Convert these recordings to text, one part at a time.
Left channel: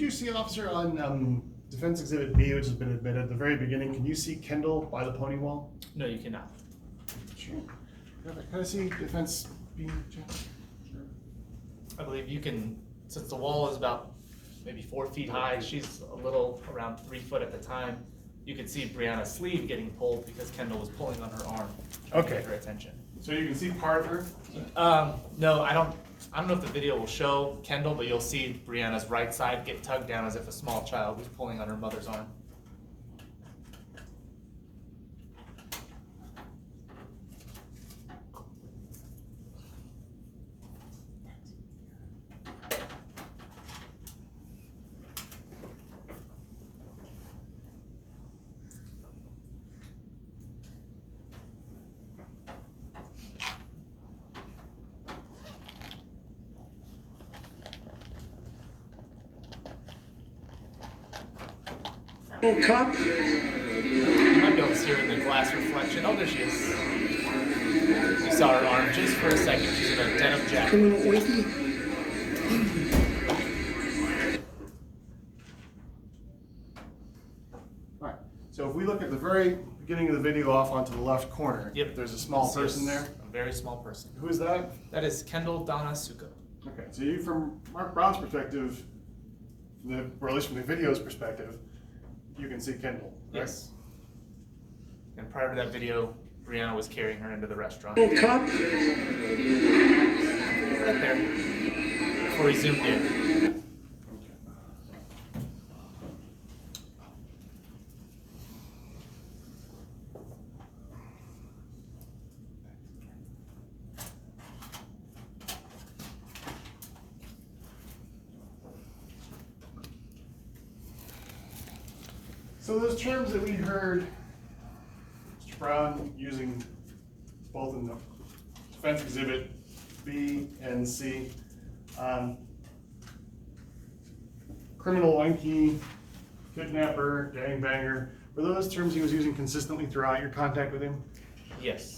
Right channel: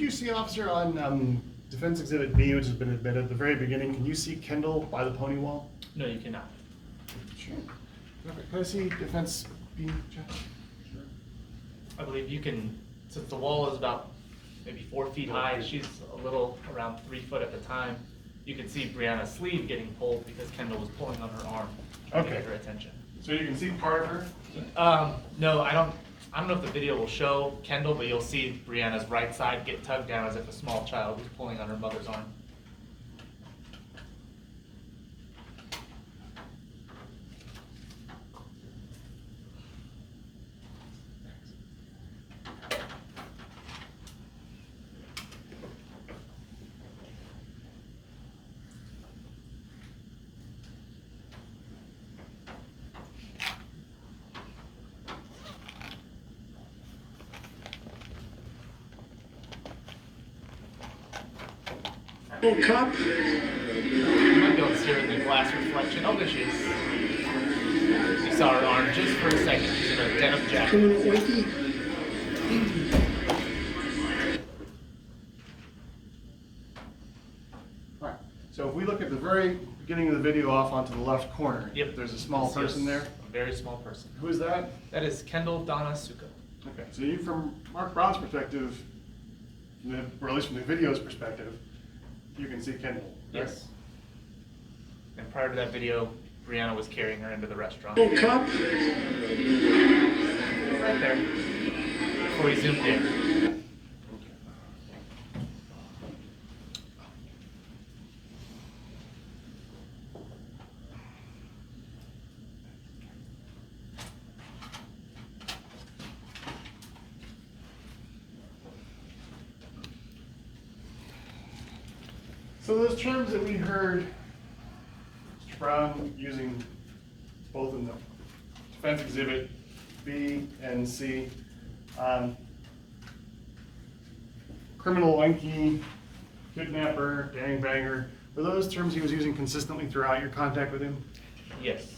Did you see, officer, on Defense Exhibit B, which has been admitted at the very beginning, can you see Kendall by the pony wall? No, you cannot. Sure. Can I see Defense B, Jeff? Sure. I believe you can, since the wall is about maybe 4 feet high, she's a little around 3 foot at the time. You can see Brianna's sleeve getting pulled because Kendall was pulling on her arm to get her attention. So you can see part of her? No, I don't know if the video will show Kendall, but you'll see Brianna's right side get tugged down as if a small child was pulling on her mother's arm. Oh, cop. You might be able to see her in the glass reflection. Oh, there she is. You saw her arm just for a second. She's in a denim jacket. Criminal ointment. Alright, so if we look at the very beginning of the video off onto the left corner, Yep. there's a small person there. A very small person. Who is that? That is Kendall Donna Suko. Okay, so you, from Mark Brown's perspective, or at least from the video's perspective, you can see Kendall, right? Yes. And prior to that video, Brianna was carrying her into the restaurant. Oh, cop. Right there. Before we zoomed in. So those terms that we heard Mr. Brown using both in the Defense Exhibit B and C, criminal lanky, kidnapper, gangbanger, were those terms he was using consistently throughout your contact with him? Yes.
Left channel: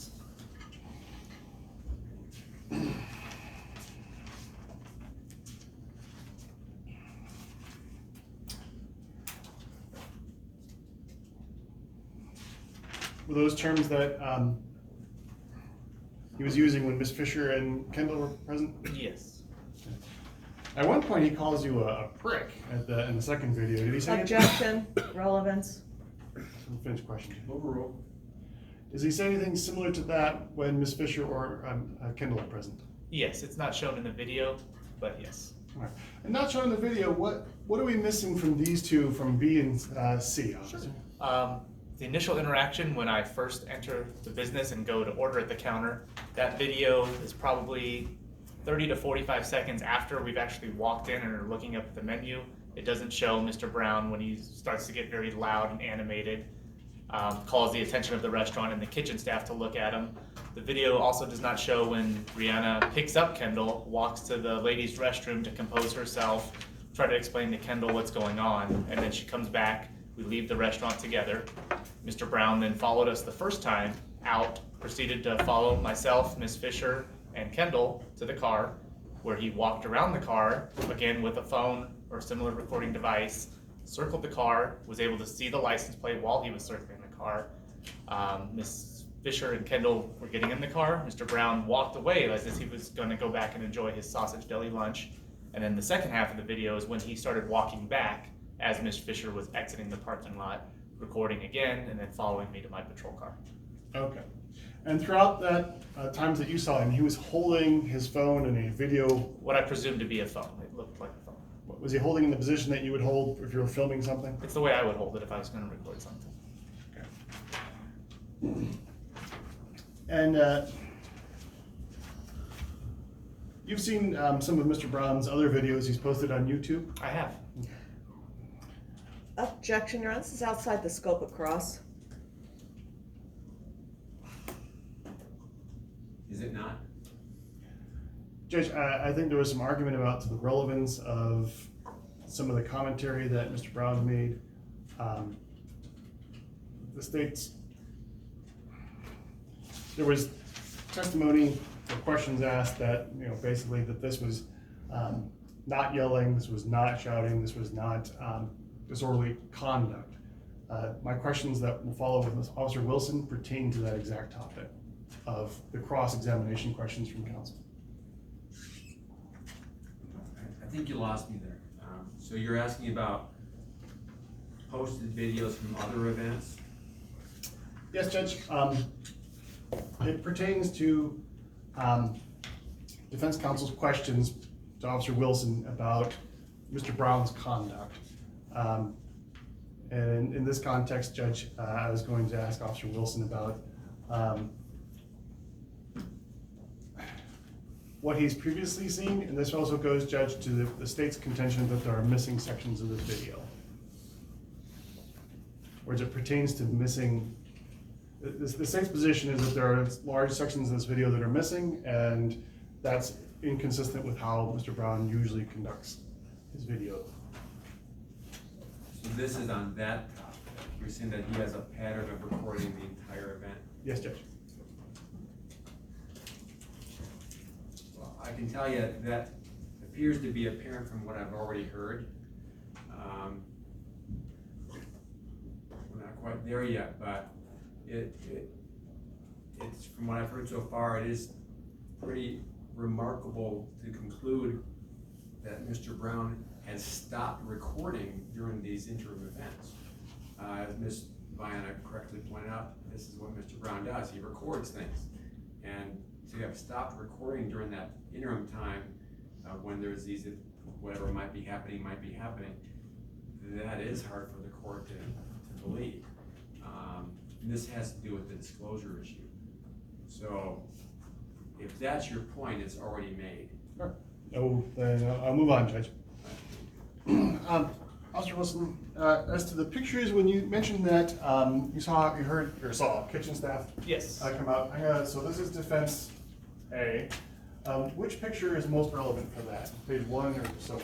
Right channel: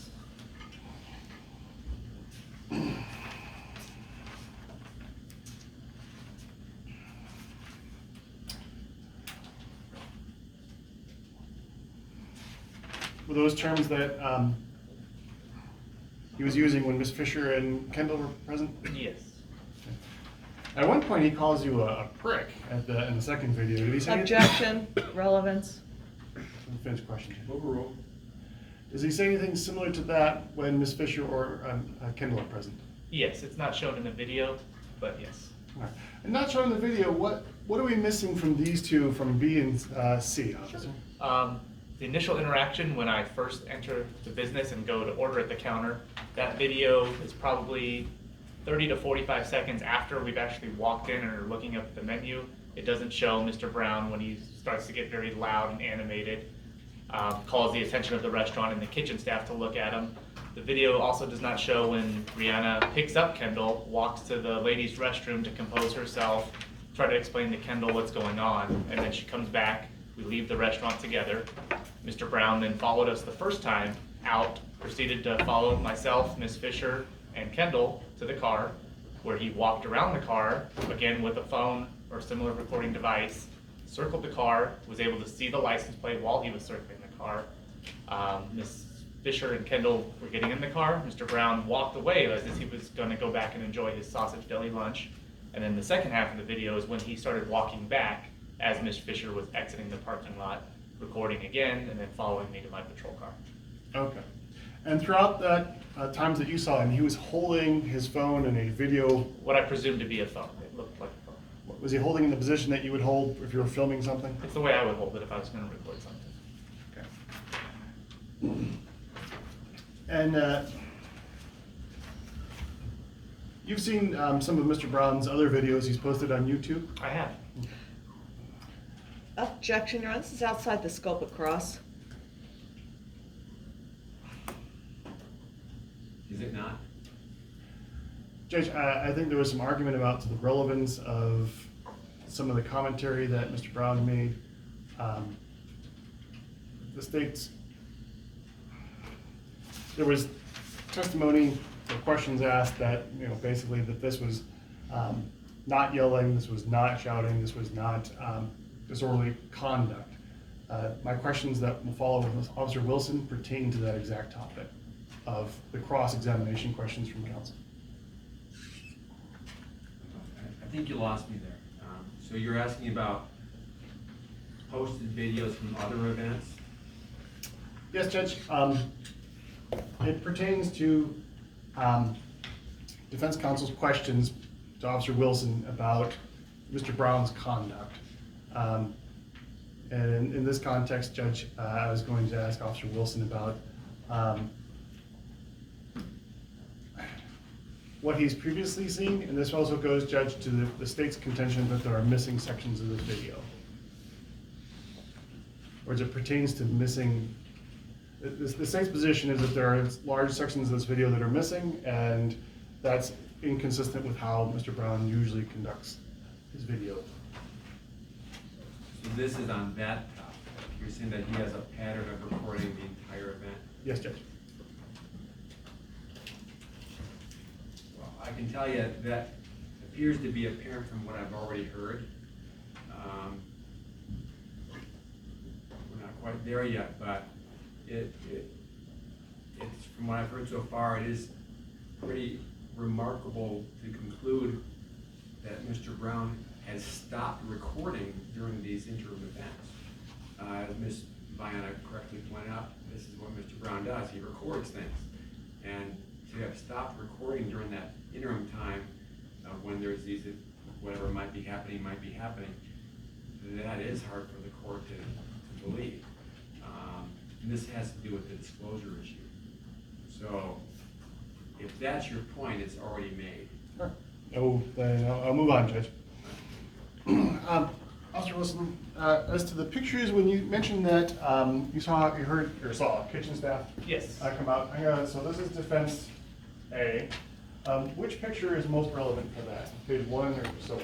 Were those terms that he was using when Miss Fisher and Kendall were present? Yes. At one point, he calls you a prick in the second video. Did he say anything? Objection, relevance. Finish question. Overrule. Does he say anything similar to that when Miss Fisher or Kendall are present? Yes, it's not shown in the video, but yes. All right. And not shown in the video, what are we missing from these two from B and C, officer? The initial interaction when I first enter the business and go to order at the counter, that video is probably 30 to 45 seconds after we've actually walked in and are looking up the menu. It doesn't show Mr. Brown when he starts to get very loud and animated, calls the attention of the restaurant and the kitchen staff to look at him. The video also does not show when Brianna picks up Kendall, walks to the ladies' restroom to compose herself, try to explain to Kendall what's going on, and then she comes back. We leave the restaurant together. Mr. Brown then followed us the first time out, proceeded to follow myself, Miss Fisher, and Kendall to the car, where he walked around the car, again with a phone or similar recording device, circled the car, was able to see the license plate while he was circling the car. Miss Fisher and Kendall were getting in the car. Mr. Brown walked away as if he was going to go back and enjoy his Sausage Deli lunch. And then the second half of the video is when he started walking back as Miss Fisher was exiting the parking lot, recording again, and then following me to my patrol car. Okay. And throughout that times that you saw him, he was holding his phone in a video. What I presume to be a phone. It looked like a phone. Was he holding in the position that you would hold if you were filming something? It's the way I would hold it if I was going to record something. Okay. And you've seen some of Mr. Brown's other videos he's posted on YouTube? I have. Objection, Your Honor, this is outside the scope of cross. Is it not? Judge, I think there was some argument about the relevance of some of the commentary that Mr. Brown made. The state's, there was testimony or questions asked that, basically that this was not yelling, this was not shouting, this was not disorderly conduct. My questions that will follow with Officer Wilson pertain to that exact topic of the cross-examination questions from counsel. I think you lost me there. So you're asking about posted videos from other events? Yes, Judge. It pertains to defense counsel's questions to Officer Wilson about Mr. Brown's conduct. And in this context, Judge, I was going to ask Officer Wilson about what he's previously seen, and this also goes, Judge, to the state's contention that there are missing sections of this video. Or as it pertains to missing, the state's position is that there are large sections of this video that are missing, and that's inconsistent with how Mr. Brown usually conducts his videos. So this is on that topic. You're saying that he has a pattern of recording the entire event? Yes, Judge. Well, I can tell you that appears to be apparent from what I've already heard. We're not quite there yet, but it's from what I've heard so far, it is pretty remarkable to conclude that Mr. Brown has stopped recording during these interim events. As Ms. Viana correctly pointed out, this is what Mr. Brown does. He records things. And to have stopped recording during that interim time, when there's these, whatever might be happening, that is hard for the court to believe. And this has to do with the disclosure issue. So if that's your point, it's already made. Sure. Oh, then I'll move on, Judge. Officer Wilson, as to the pictures, when you mentioned that you saw kitchen staff Yes. come out. So this is defense A. Which picture is most relevant for that? Page 1 or so on?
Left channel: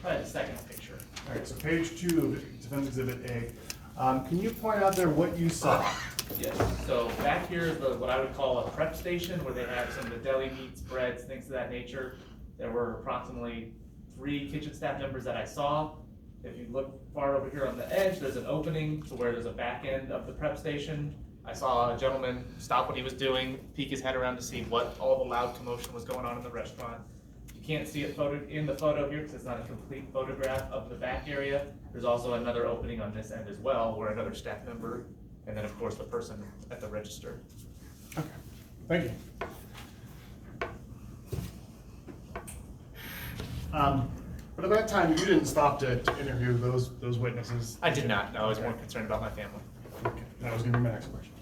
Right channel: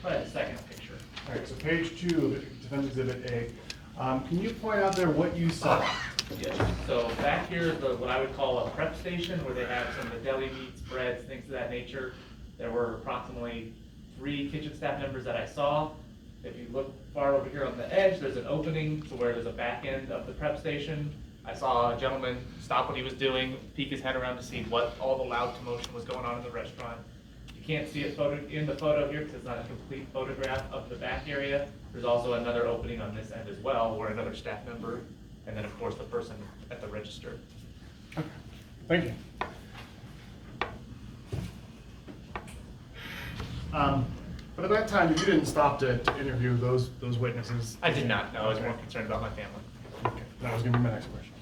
Probably the second picture. All right, so page 2 of defense exhibit A. Can you point out there what you saw? Yes, so back here is what I would call a prep station where they have some of the deli meats, breads, things of that nature. There were approximately 3 kitchen staff members that I saw. If you look far over here on the edge, there's an opening to where there's a back end of the prep station. I saw a gentleman stop what he was doing, peek his head around to see what all the loud commotion was going on in the restaurant. You can't see it in the photo here because it's not a complete photograph of the back area. There's also another opening on this end as well where another staff member, and then of course the person at the register. Thank you. But at that time, you didn't stop to interview those witnesses. I did not, no, I was more concerned about my family. Okay, that was gonna be my next question.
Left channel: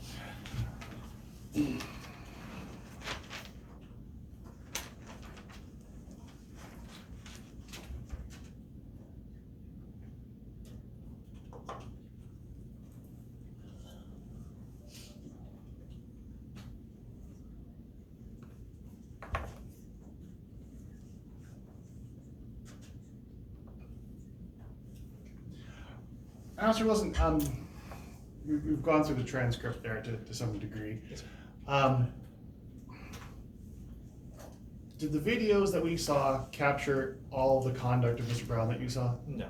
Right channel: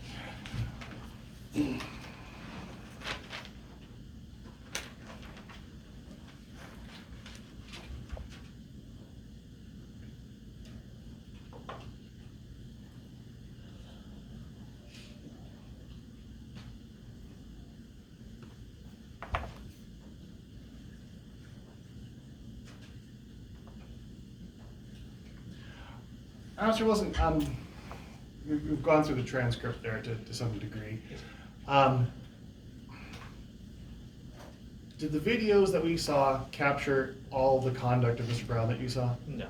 Officer Wilson, we've gone through the transcript there to some degree. Yes, sir. Did the videos that we saw capture all the conduct of Mr. Brown that you saw? No.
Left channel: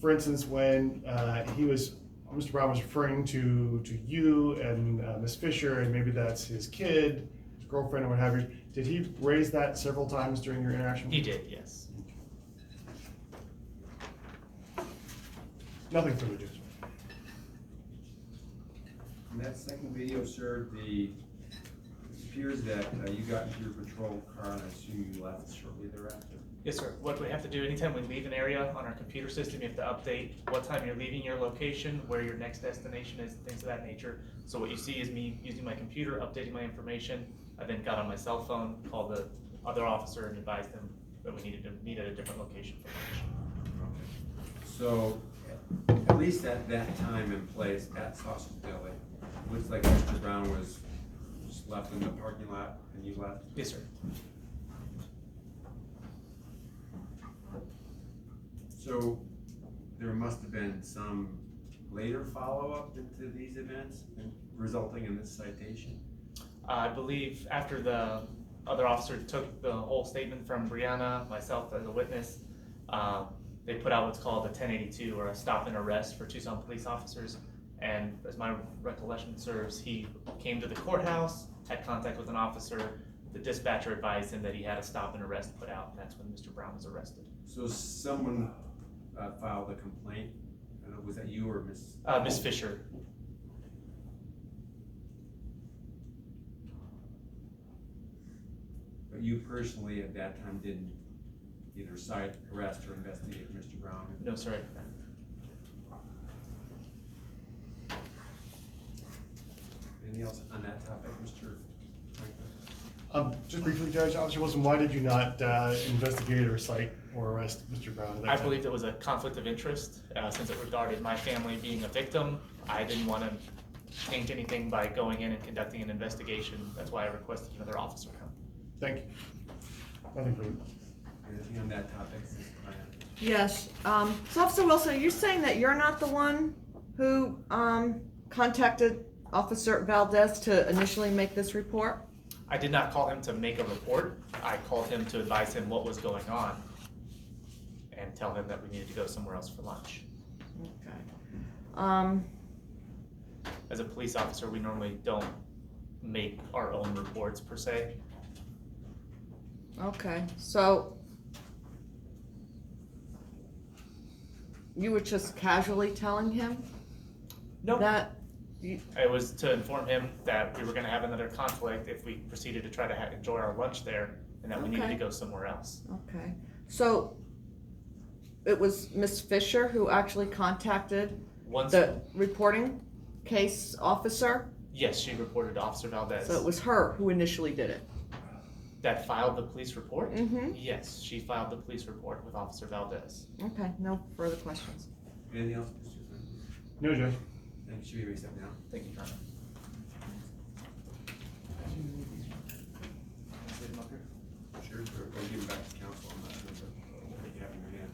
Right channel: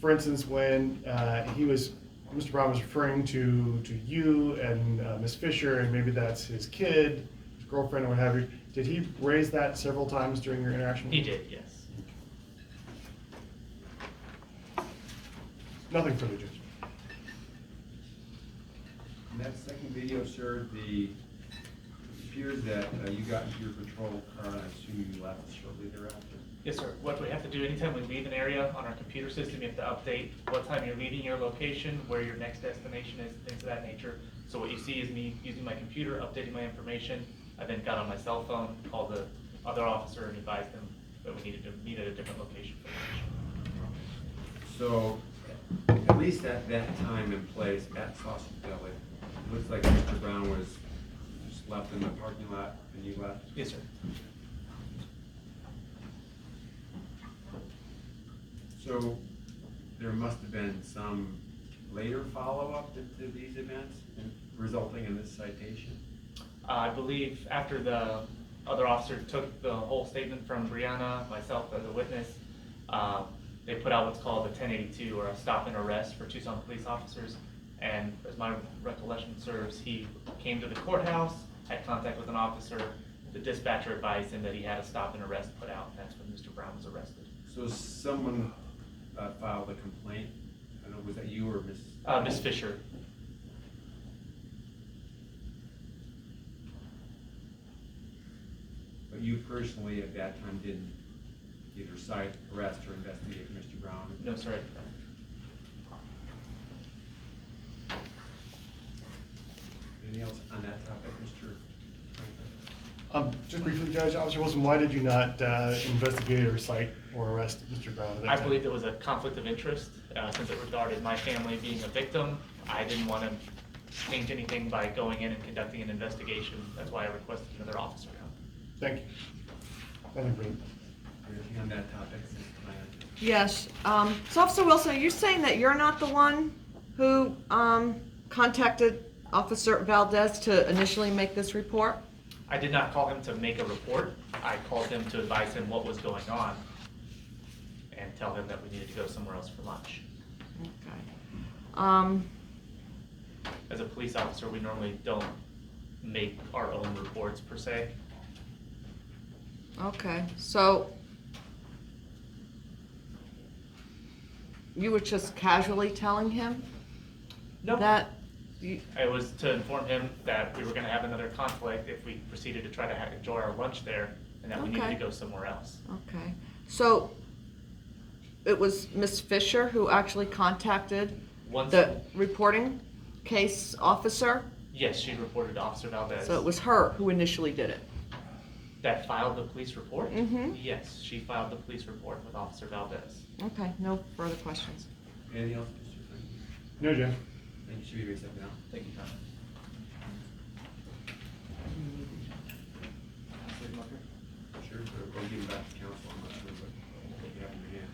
For instance, when Mr. Brown was referring to you and Ms. Fisher, and maybe that's his kid, his girlfriend, or what have you, did he raise that several times during your interaction? He did, yes. Nothing further, Judge. In that second video, sir, it appears that you got into your patrol car and I assume you left shortly thereafter. Yes, sir. What we have to do anytime we leave an area on our computer system, you have to update what time you're leaving your location, where your next destination is, things of that nature. So what you see is me using my computer, updating my information. I then got on my cell phone, called the other officer and advised them that we needed a different location for the mission. So, at least at that time and place at Sausage Deli, it looks like Mr. Brown was just left in the parking lot and you left? Yes, sir. So, there must have been some later follow-up into these events and resulting in this citation? I believe after the other officer took the whole statement from Brianna, myself as a witness, they put out what's called a 1082 or a stop and arrest for Tucson police officers. And as my recollection serves, he came to the courthouse, had contact with an officer. The dispatcher advised him that he had a stop and arrest put out, and that's when Mr. Brown was arrested. So someone filed a complaint, I don't know, was that you or Miss? Miss Fisher. But you personally at that time didn't either cite, arrest, or investigate Mr. Brown? No, sir. Anything else on that topic, Mr. Franklin? Just briefly, Judge, Officer Wilson, why did you not investigate or cite or arrest Mr. Brown at that I time? believe there was a conflict of interest, since it regarded my family being a victim. I didn't want to change anything by going in and conducting an investigation. That's why I requested another officer come. Thank you. Thank you. Anything on that topic, Ms. Bryant? Yes, so Officer Wilson, are you saying that you're not the one who, contacted Officer Valdez to initially make this report? I did not call him to make a report. I called him to advise him what was going on and tell him that we needed to go somewhere else for lunch. Okay. As a police officer, we normally don't make our own reports per se. Okay, so you were just casually telling him No, that you, it was to inform him that we were gonna have another conflict if we proceeded to try to enjoy our lunch there, and that we needed to Okay. go somewhere else. okay, so it was Miss Fisher who actually contacted Once, the reporting case officer? yes, she reported to Officer Valdez. So it was her who initially did it? That filed the police report? Mhm. Yes, she filed the police report with Officer Valdez. Okay, no further questions. Anything else, Mr. Franklin? No, Judge. Thank you, should we step down? Thank you, Tom. Sure, or give him back to council, I'm not sure, but what you have in your hand.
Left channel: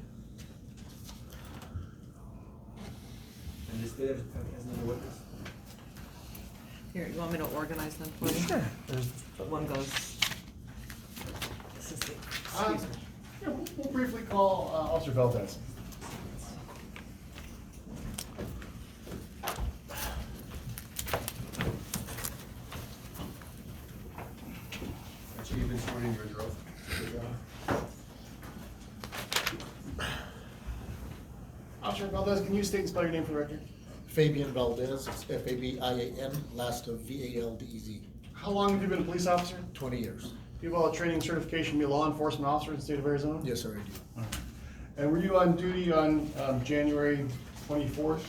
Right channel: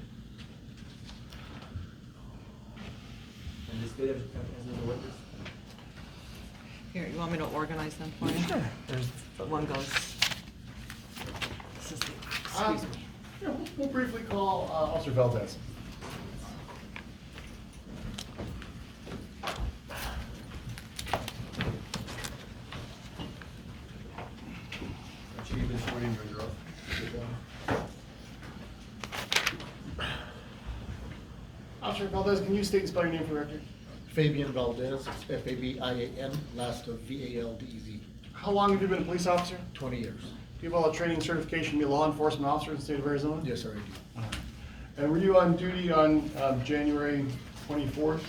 And this, has another witness? Here, you want me to organize them for you? Sure. One goes. This is the, excuse me. Yeah, we'll briefly call Officer Valdez. Chief, you've been sworn in, you're under oath. Officer Valdez, can you state and spell your name for the record? Fabian Valdez, it's Fabian, last of Valdez, How long have you been a police officer? 20 years. Do you have all the training and certification to be a law enforcement officer in the state of Arizona? Yes, sir, I do. All right. And were you on duty on January 24th,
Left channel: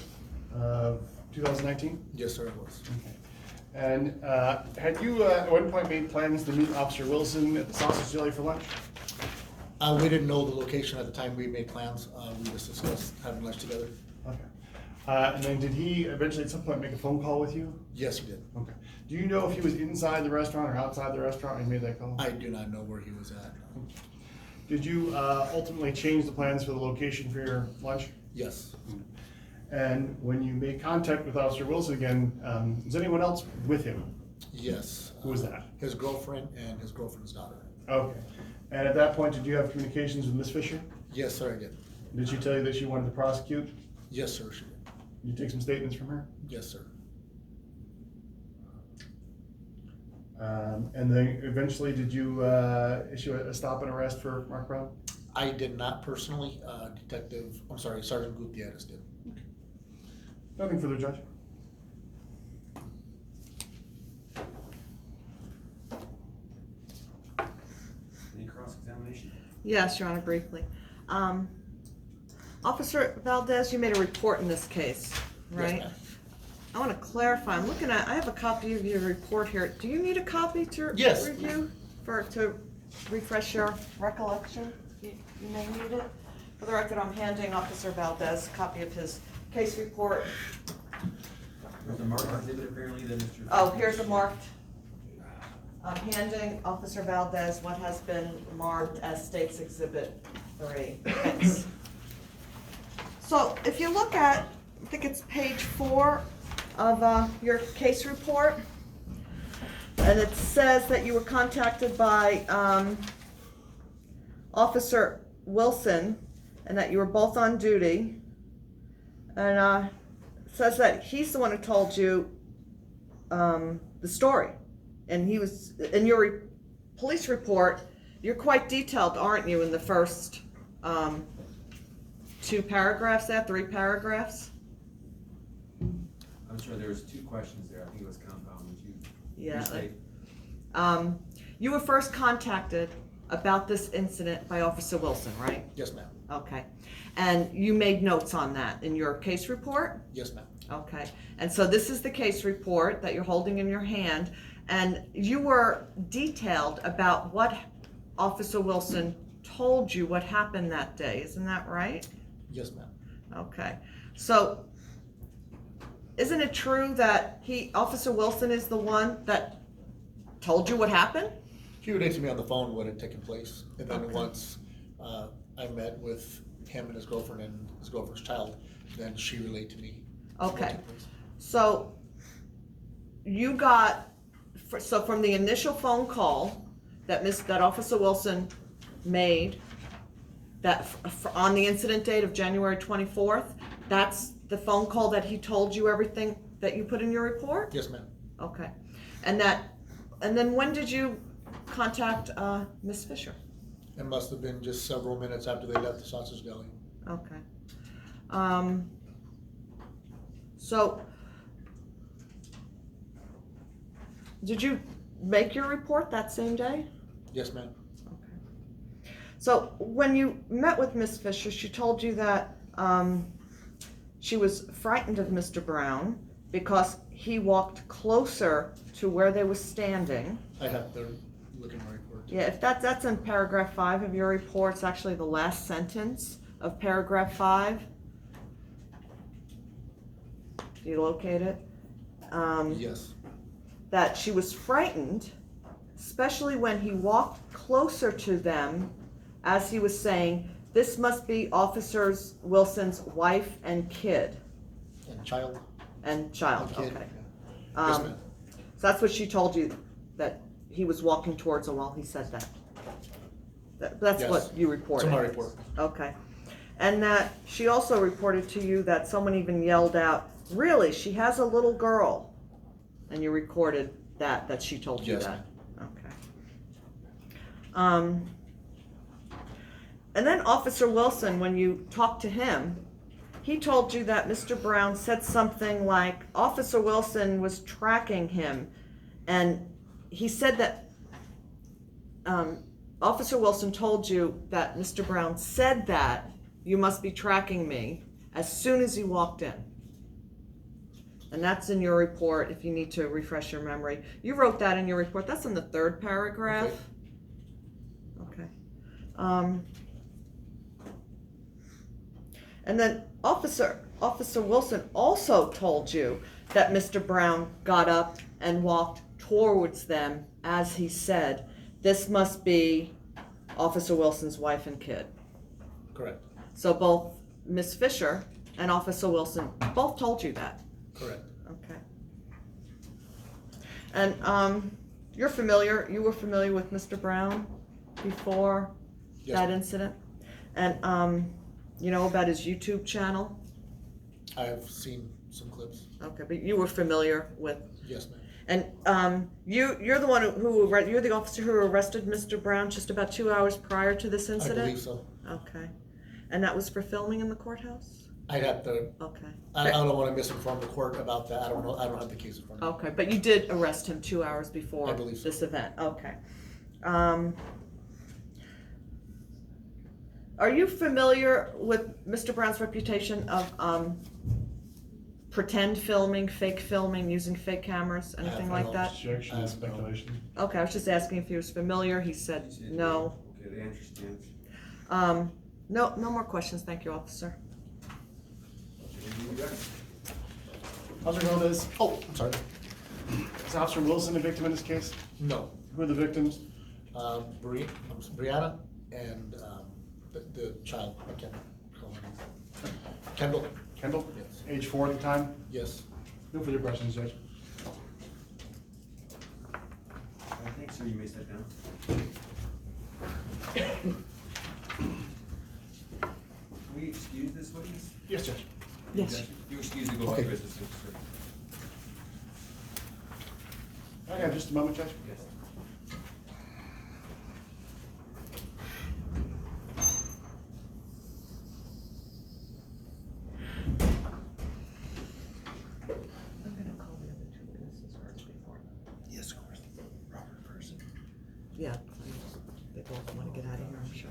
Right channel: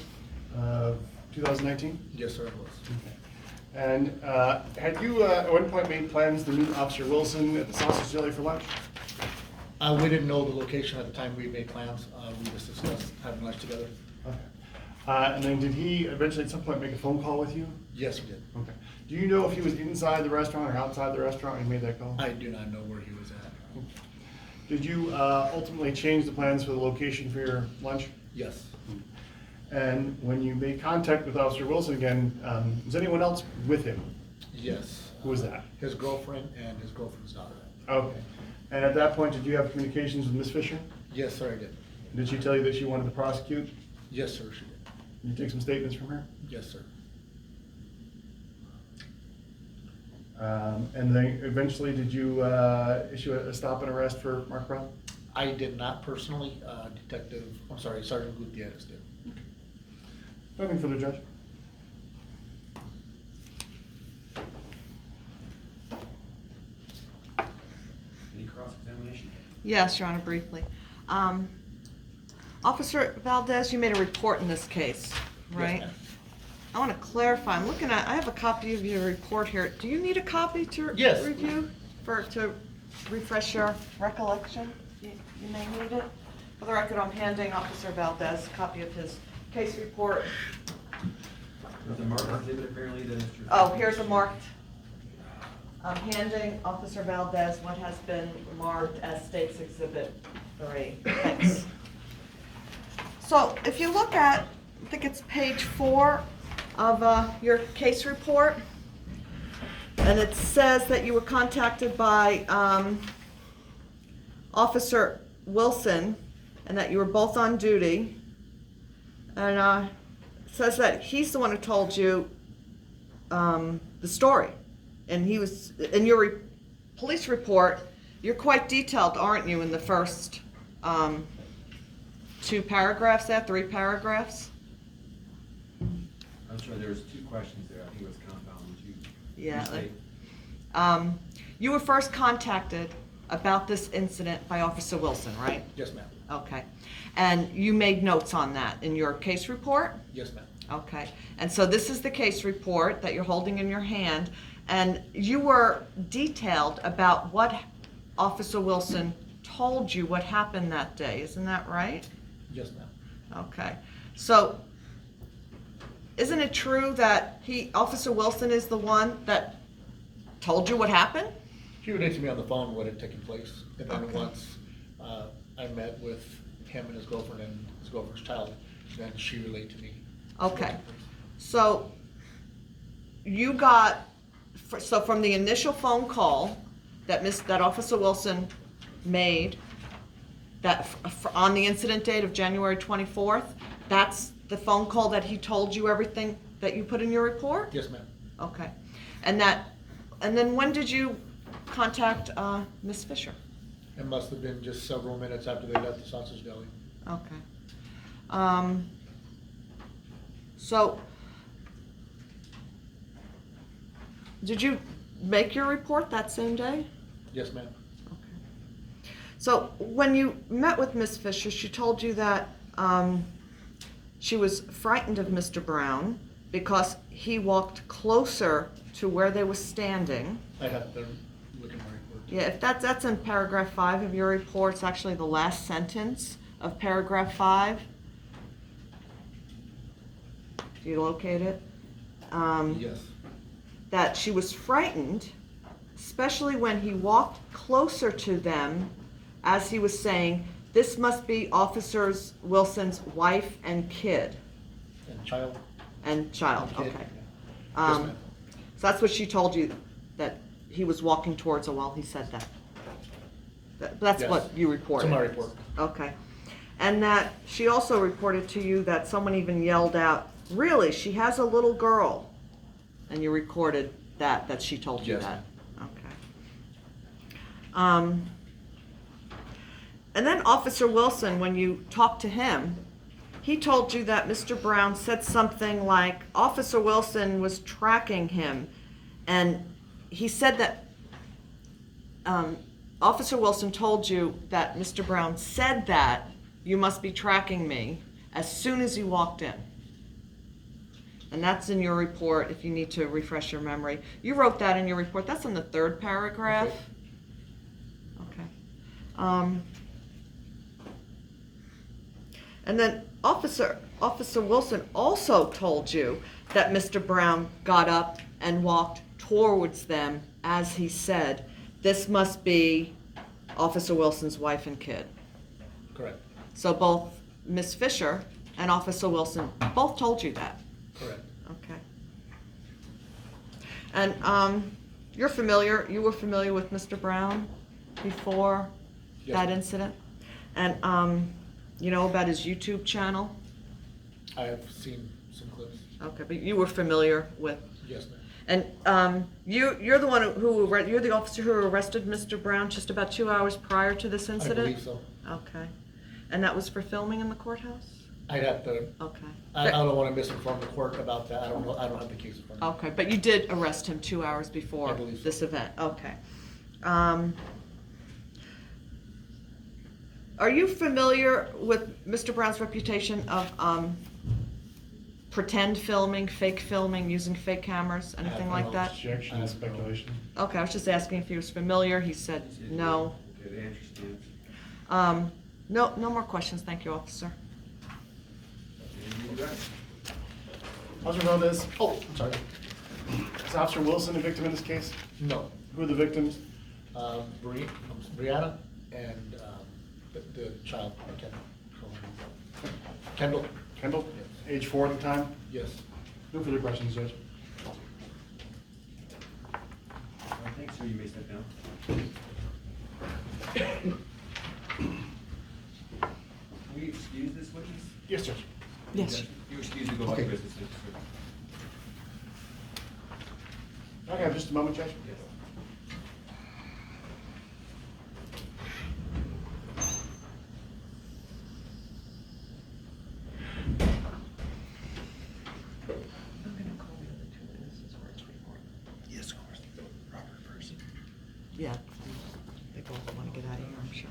2019? Yes, sir, I was. Okay. And had you at one point made plans to meet Officer Wilson at the Sausage Deli for lunch? We didn't know the location at the time we made plans. We just discussed having lunch together. Okay. And then did he eventually at some point make a phone call with you? Yes, he did. Okay. Do you know if he was inside the restaurant or outside the restaurant when he made that call? I do not know where he was at. Did you ultimately change the plans for the location for your lunch? Yes, And when you made contact with Officer Wilson again, was anyone else with him? yes. Who was that? His girlfriend and his girlfriend's daughter. Okay. And at that point, did you have communications with Ms. Fisher? Yes, sir, I did. Did she tell you that she wanted to prosecute? Yes, sir, she did. Did you take some statements from her? Yes, sir. And then eventually, did you issue a stop and arrest for Mark Brown? I did not personally, Sergeant Gutierrez did. Nothing further, Judge. Any cross-examination? Yes, Your Honor, briefly. Officer Valdez, you made a report in this case, Yes, right? ma'am. I want to clarify, I'm looking at, I have a copy of your report here. Do you need a copy to Yes. review, to refresh your recollection? You may need it. For the record, I'm handing Officer Valdez a copy of his case report. There's a marked exhibit apparently that Mr. Oh, here's a marked. I'm handing Officer Valdez what has been marked as State's Exhibit 3. Thanks. So if you look at, I think it's page 4 of your case report, And it says that you were contacted by, Officer Wilson, and that you were both on duty. And, it says that he's the one who told you, the story. And he was, in your police report, you're quite detailed, aren't you, in the first, 2 paragraphs there, 3 paragraphs? I'm sorry, there was 2 questions there, I think it was compound, would you? Yeah. restate? You were first contacted about this incident by Officer Wilson, right? Yes, ma'am. Okay. And you made notes on that in your case report? Yes, ma'am. Okay. And so this is the case report that you're holding in your hand, and you were detailed about what Officer Wilson told you what happened that day, isn't that right? Yes, ma'am. Okay. So, isn't it true that Officer Wilson is the one that told you what happened? He relayed to me on the phone what had taken place, and then Okay. once I met with him and his girlfriend and his girlfriend's child, then she relayed to me. what Okay. took place. So, you got, so from the initial phone call that Officer Wilson made, on the incident date of January 24th, that's the phone call that he told you everything that you put in your report? Yes, ma'am. Okay. And then when did you contact, Ms. Fisher? It must have been just several minutes after they left the Sausage Deli. Okay. So, did you make your report that same day? Yes, ma'am. Okay. So, when you met with Ms. Fisher, she told you that, she was frightened of Mr. Brown because he walked closer to where they were standing. I have to look at my report. Yeah, if that's in paragraph 5 of your report, it's actually the last sentence of paragraph 5. Do you locate it? Yes. That she was frightened, especially when he walked closer to them, as he was saying, "This must be Officer Wilson's wife and kid." And child? And child, Kid. okay. Yes, Um, ma'am. So that's what she told you, that he was walking towards her while he said that. That's Yes. what you reported? It's in my report. Okay. And that she also reported to you that someone even yelled out, "Really, she has a little girl?" And you recorded that she told you Yes, that? ma'am. Okay. And then Officer Wilson, when you talked to him, he told you that Mr. Brown said something like Officer Wilson was tracking him, and he said that Officer Wilson told you that Mr. Brown said that you must be tracking me as soon as you walked in. And that's in your report if you need to refresh your memory. You wrote that in your report. That's in the 3rd paragraph. Okay. And then Officer Wilson also told you that Mr. Brown got up and walked towards them as he said, "This must be Officer Wilson's wife and kid." Correct. So both Ms. Fisher and Officer Wilson both told you that? Correct. Okay. And you were familiar with Mr. Brown before Yes, that ma'am. incident? And you know about his YouTube channel? I have seen some clips. Okay, but you were familiar with, Yes, ma'am. and you're the one you're the officer who arrested Mr. Brown just about 2 hours prior to this I incident? believe so. Okay. And that was for filming in the courthouse? I'd have to, Okay. I don't want to misinform the court about that. I don't know, I don't have the case in front of me. Okay, but you did arrest him 2 hours before I believe so. this event, okay. Are you familiar with Mr. Brown's reputation of pretend filming, fake filming, using fake cameras, anything I like don't- that? Objection and speculation. Okay, I was just asking if he was familiar, he said He said no. Okay, the answer stands. No more questions, thank you, officer. Okay, you got it. Officer Valdez, Oh, I'm sorry. is Officer Wilson a victim in this case? No. Who are the victims? Brianna and the child, I can't call her name. Kendall? Kendall, Yes. age 4 at the time? Yes. No further questions, Judge. Sir, you may step down. Can we excuse this witness? Yes, Judge. Yes. You excuse and go about Okay. your business, thank you, sir. Can I have just a moment, Judge? Yes. I'm gonna call the other two witnesses where it's recorded. Yes, of course. Robert first. Yeah, they both wanna get out of here, I'm sure.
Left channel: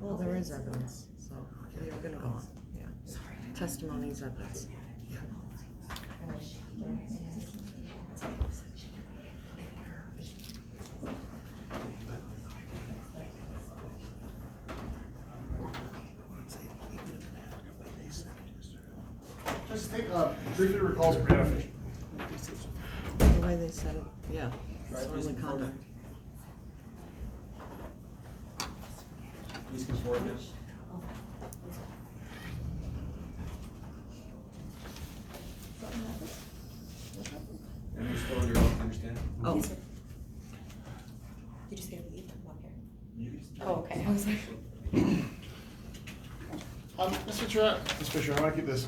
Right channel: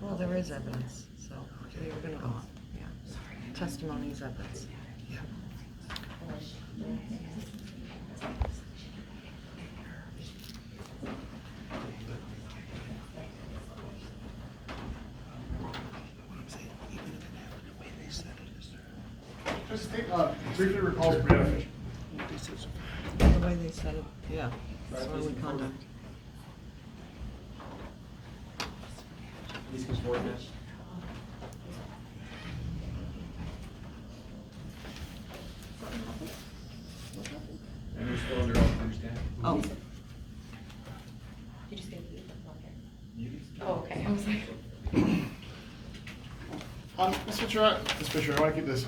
Well, there is evidence, so they're gonna go on, yeah. Testimony is evidence. Just think, briefly recalls Brianna Fisher. The way they said it, yeah. Right, Disorderly please come forward. conduct. Please come forward, ma'am. And you're still under oath, understand? Oh, Did you just get to leave? Okay. You can speak. Oh, okay, I was like. Ms. Fisher, I want to keep this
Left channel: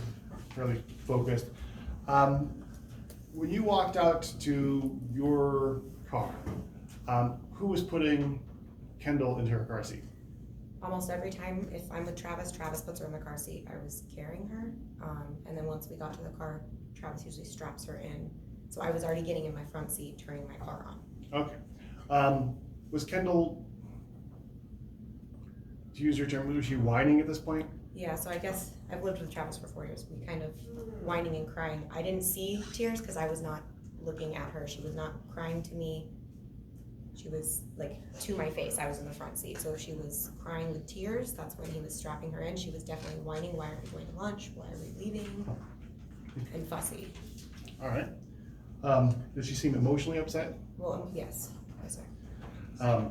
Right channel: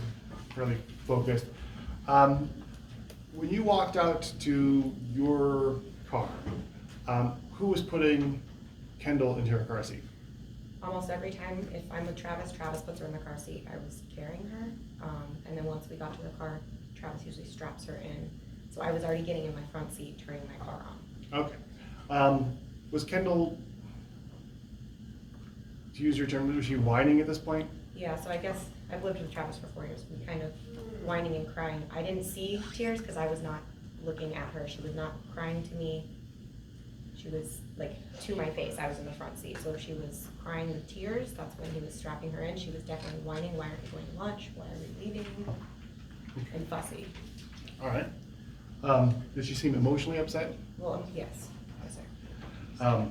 fairly focused. When you walked out to your car, who was putting Kendall into her car seat? Almost every time, if I'm with Travis, Travis puts her in the car seat. I was carrying her. And then once we got to the car, Travis usually straps her in. So I was already getting in my front seat, turning my car on. Okay. Was Kendall, to use your term, was she whining at this point? Yeah, so I guess I've lived with Travis for 4 years. We kind of whining and crying. I didn't see tears because I was not looking at her. She was not crying to me. She was like to my face. I was in the front seat. So if she was crying with tears, that's when he was strapping her in. She was definitely whining. Why are we going to lunch? Why are we leaving? And fussy. All right. Did she seem emotionally upset? Well, yes, yes, sir.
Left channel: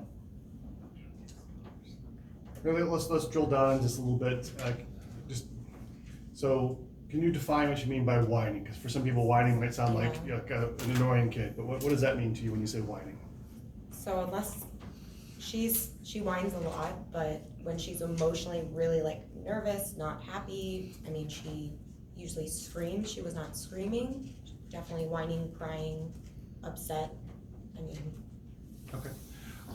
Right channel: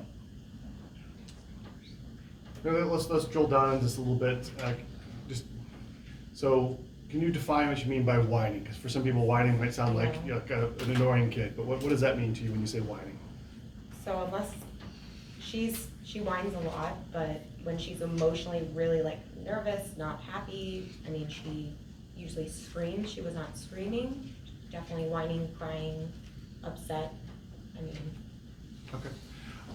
Let's drill down on this a little bit. So, can you define what you mean by whining? Because for some people, whining might sound like, you know, like an annoying kid. But what does that mean to you when you say whining? So unless she whines a lot, but when she's emotionally really like nervous, not happy, I mean, she usually screams. She was not screaming, definitely whining, crying, upset. I mean, Okay.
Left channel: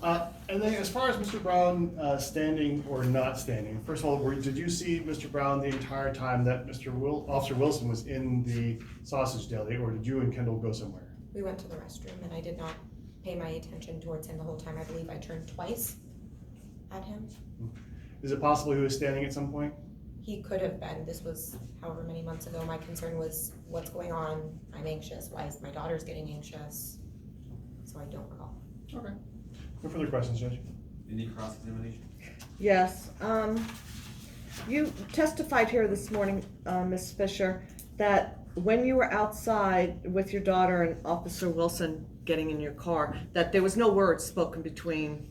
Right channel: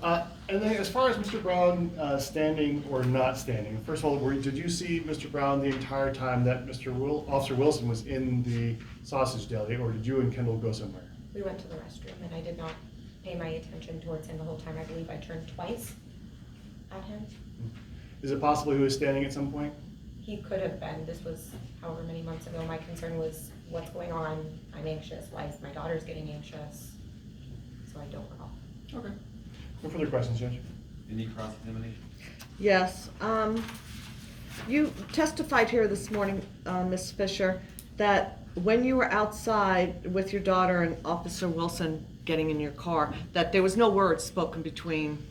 And then as far as Mr. Brown standing or not standing, first of all, did you see Mr. Brown the entire time that Officer Wilson was in the Sausage Deli, or did you and Kendall go somewhere? we went to the restroom and I did not pay my attention towards him the whole time. I believe I turned twice at him. Is it possible he was standing at some point? He could have been. This was however many months ago. My concern was what's going on. I'm anxious. Why is my daughter's getting anxious? So I don't recall. Okay. No further questions, Judge? Any cross-examination? yes, you testified here this morning, Ms. Fisher, that when you were outside with your daughter and Officer Wilson getting in your car, that there was no words spoken between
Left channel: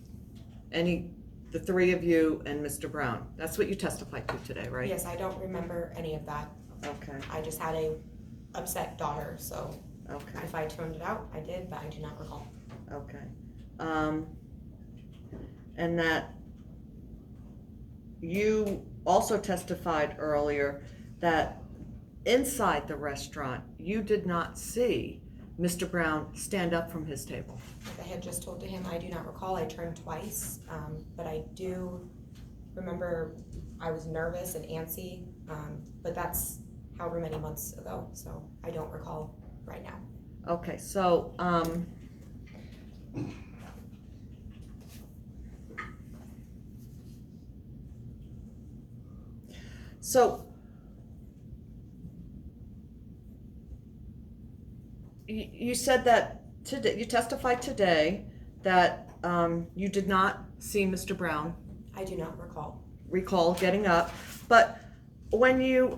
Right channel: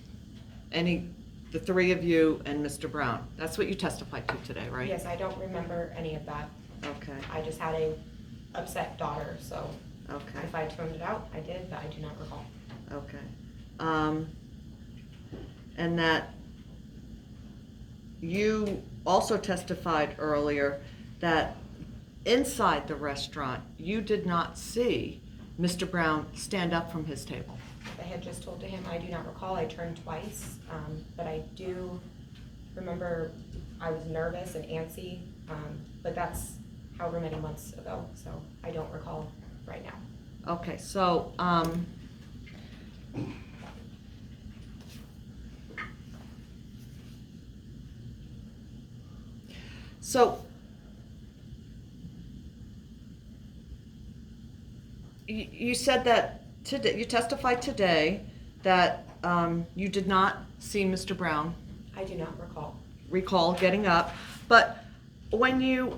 the three of you and Mr. Brown. That's what you testified to today, right? Yes, I don't remember any of that. Okay, I just had a upset daughter, so okay, if I tuned it out, I did, but I do not recall. okay. And that you also testified earlier that inside the restaurant, you did not see Mr. Brown stand up from his table. I had just told to him, I do not recall, I turned twice, but I do remember I was nervous and antsy, but that's however many months ago, so I don't recall right now. Okay, so, you said that today, you testified today that you did not see Mr. Brown I do not recall. recall getting up, but when you,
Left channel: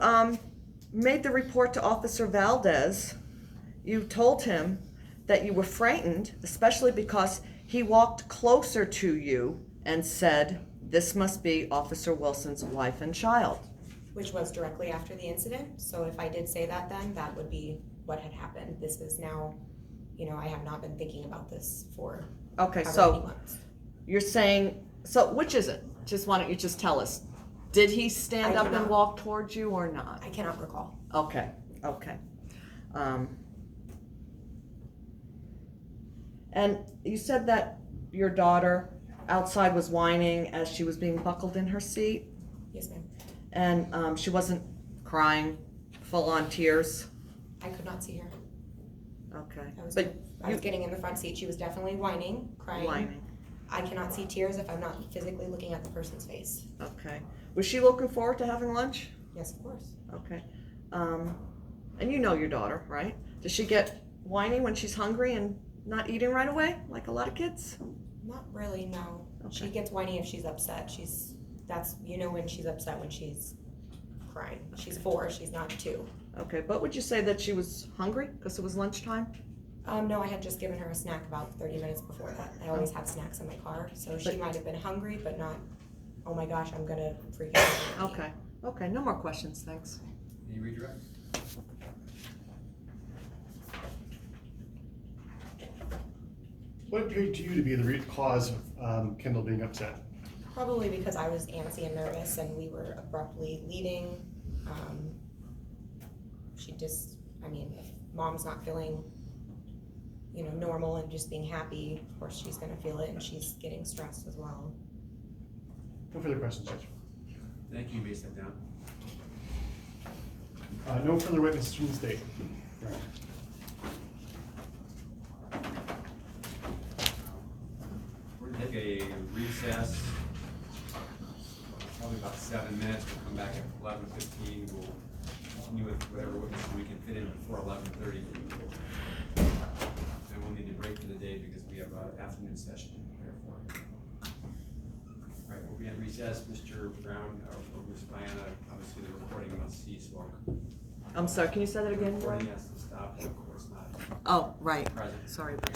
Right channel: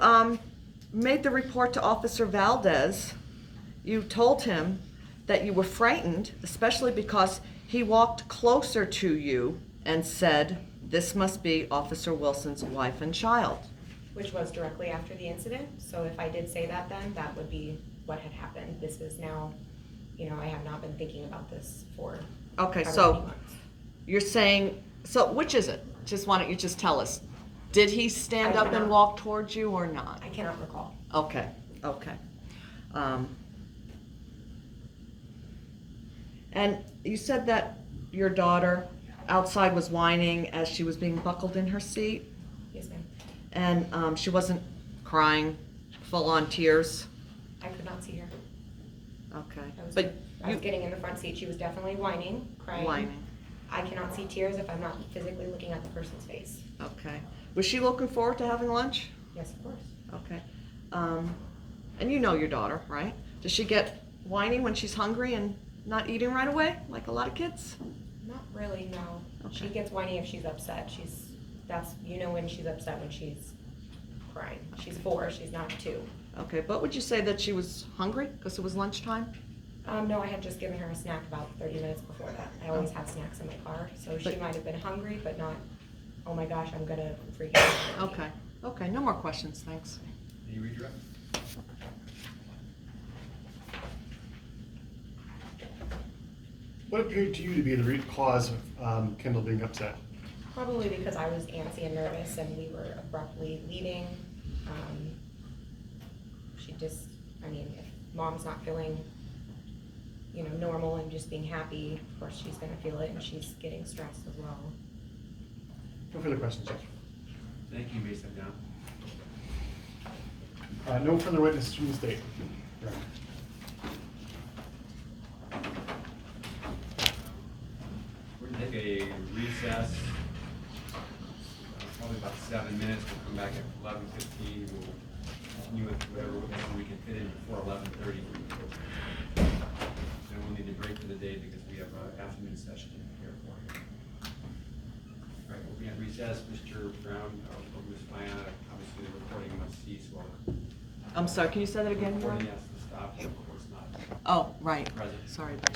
made the report to Officer Valdez, you told him that you were frightened, especially because he walked closer to you and said, "This must be Officer Wilson's wife and child." Which was directly after the incident, so if I did say that then, that would be what had happened. This is now, you know, I have not been thinking about this for Okay, however so many months. you're saying, so which is it? Just why don't you just tell us? Did he stand I up do and not. walk towards you or not? I cannot recall. Okay, okay. And you said that your daughter outside was whining as she was being buckled in her seat, Yes, ma'am. and she wasn't crying, full-on tears? I could not see her. Okay, I was, but I was you getting in the front seat. She was definitely whining, crying. whining, I cannot see tears if I'm not physically looking at the person's face. okay. Was she looking forward to having lunch? Yes, of course. Okay. And you know your daughter, right? Does she get whiny when she's hungry and not eating right away, like a lot of kids? Not really, no. She Okay. gets whiny if she's upset. That's, you know when she's upset, when she's crying. She's 4, she's not 2. Okay, but would you say that she was hungry because it was lunchtime? No, I had just given her a snack about 30 minutes before that. I always have snacks in my car, so she But- might have been hungry, but not, oh my gosh, I'm gonna freak out. Okay, okay, no more questions, thanks. Any redirect? What appeared to you to be the root cause of Kendall being upset? Probably because I was antsy and nervous and we were abruptly leaving. She just, I mean, if mom's not feeling, you know, normal and just being happy, of course she's gonna feel it and she's getting stressed as well. No further questions, Judge. Thank you, you may step down. No further witnesses from the state. We're gonna take a recess, probably about 7 minutes. We'll come back at 11:15. We'll continue with whatever witnesses we can fit in before 11:30. Then we'll need to break for the day because we have an afternoon session here for you. All right, we'll be at recess. Mr. Brown or Ms. Diana, obviously the recording must cease while I'm sorry, can you say that the again? recording Brian? has to stop, of course not Oh, right, present. sorry about